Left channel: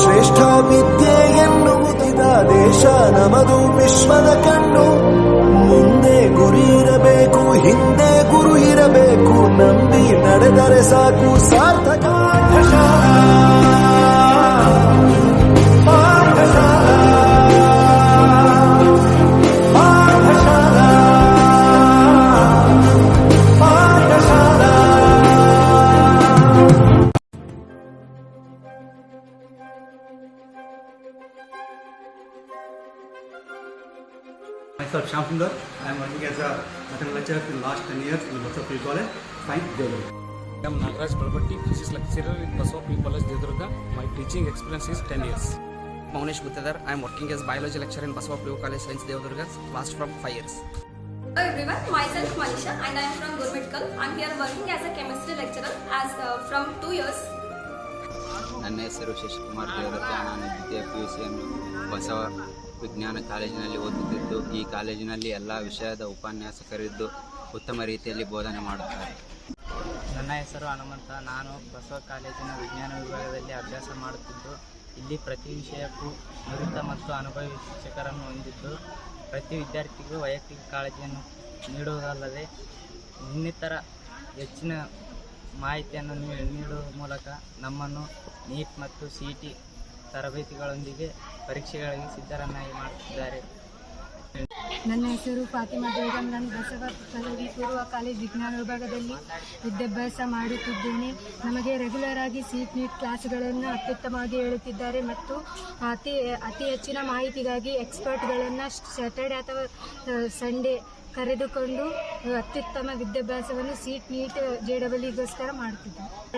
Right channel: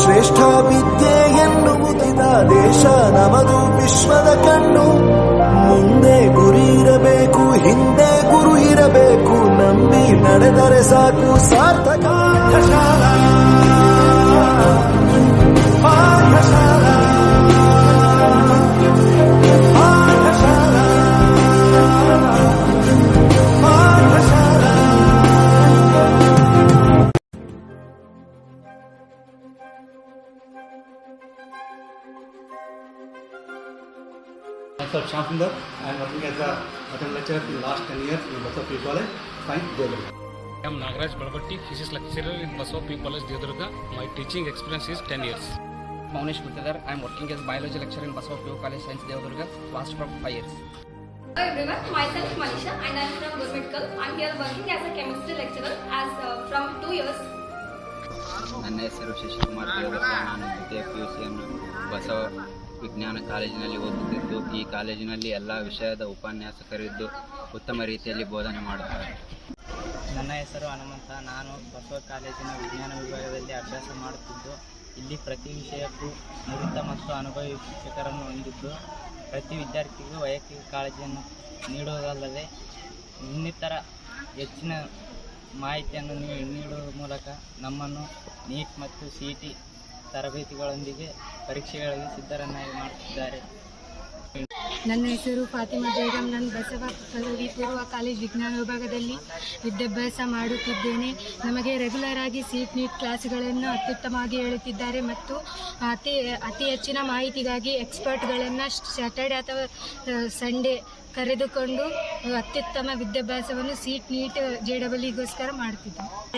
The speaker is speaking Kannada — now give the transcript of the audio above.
ಶ್ರೇಷ್ಠ ವಿದ್ಯೆ ಎನ್ನುವುದಿದ ದೇಶ ನಮದು ವಿಶ್ವದ ಕಣ್ಣು. ಮುಂದೆ ಗುರಿ ಇರಬೇಕು, ಹಿಂದೆ ಗುರು ಇರಬೇಕು, ನಂಬಿ ನಡೆದರೆ ಸಾಕು ಸಾರ್ಥಕ. Myself Shyam Sundar. I am working as a mathematics lecturer in the last 10 years in Basava P. College, Science, Devadurga. I am Nagaraj Balbatti, physics lecturer in Basava P. College, Devadurga. My teaching experience is 10 years. Maunesh Guttadar. I am working as biology lecturer in Basava P. College, Science, Devadurga. Last from 5 years. Hello everyone, myself Manisha and I am from Good Medical. I am here working as a chemistry lecturer from 2 years. ನನ್ನ ಹೆಸರು ಶಶಿಕುಮಾರ್ ದೇವರತ್ನ. ನಾನು ದ್ವಿತೀಯ PUCಯನ್ನು ಬಸವ ವಿಜ್ಞಾನ ಕಾಲೇಜಿನಲ್ಲಿ ಓದುತ್ತಿದ್ದು, ಈ ಕಾಲೇಜಿನಲ್ಲಿ ಎಲ್ಲ ವಿಷಯದ ಉಪನ್ಯಾಸಕರಿದ್ದು ಉತ್ತಮ ರೀತಿಯಲ್ಲಿ ಬೋಧನೆ ಮಾಡುತ್ತಾರೆ. ನನ್ನ ಹೆಸರು ಹನುಮಂತ. ನಾನು ಬಸವ ಕಾಲೇಜಿನ ವಿಜ್ಞಾನ ವಿಭಾಗದಲ್ಲಿ ಅಭ್ಯಾಸ ಮಾಡುತ್ತಿದ್ದು, ಇಲ್ಲಿ ಪ್ರತಿ ವಿಷಯಕ್ಕೂ ನುರಿತ ಮತ್ತು ಅನುಭವಿ ಶಿಕ್ಷಕರನ್ನು ಹೊಂದಿದ್ದು, ಪ್ರತಿ ವಿದ್ಯಾರ್ಥಿಗೂ ವೈಯಕ್ತಿಕ ಕಾಳಜಿಯನ್ನು ನೀಡುವುದಲ್ಲದೆ ಇನ್ನಿತರ ಹೆಚ್ಚಿನ ಮಾಹಿತಿಯನ್ನು ನೀಡುವ ಮೂಲಕ ನಮ್ಮನ್ನು ನೀಟ್ ಮತ್ತು CET ತರಬೇತಿಗಳೊಂದಿಗೆ ಪರೀಕ್ಷೆಗಳಿಗೆ ಸಿದ್ಧರನ್ನಾಗಿ ಮಾಡುತ್ತಿದ್ದಾರೆ. ನನ್ನ ಹೆಸರು ಫಾತಿಮಾ ಬೇಗಂ. ನಾನು ಬಸವ ಪದವಿ ಪೂರ್ವ ಕಾಲೇಜ್ ವಿಜ್ಞಾನ ವಿಭಾಗದಲ್ಲಿ ವಿದ್ಯಾಭ್ಯಾಸ ಮಾಡುತ್ತಿದ್ದೇನೆ. ನಮಗೆ ರೆಗ್ಯುಲರ್ ಆಗಿ NEET ಕ್ಲಾಸ್ಗಳನ್ನು ಅತ್ಯುತ್ತಮವಾಗಿ ಹೇಳುತ್ತಿದ್ದಾರೆ ಮತ್ತು ಅತಿ ಹೆಚ್ಚಿನ ಮಾಹಿತಿಗಾಗಿ ಎಕ್ಸ್ಪರ್ಟ್ಗಳನ್ನು ಸ್ಯಾಟರ್ಡೆ ಅಥವಾ ಸಂಡೇ ಕರೆದುಕೊಂಡು ಅತ್ಯುತ್ತಮ ವಿದ್ಯಾಭ್ಯಾಸವನ್ನು NEET JEEಗೋಸ್ಕರ ಮಾಡುತ್ತಿದ್ದಾರೆ.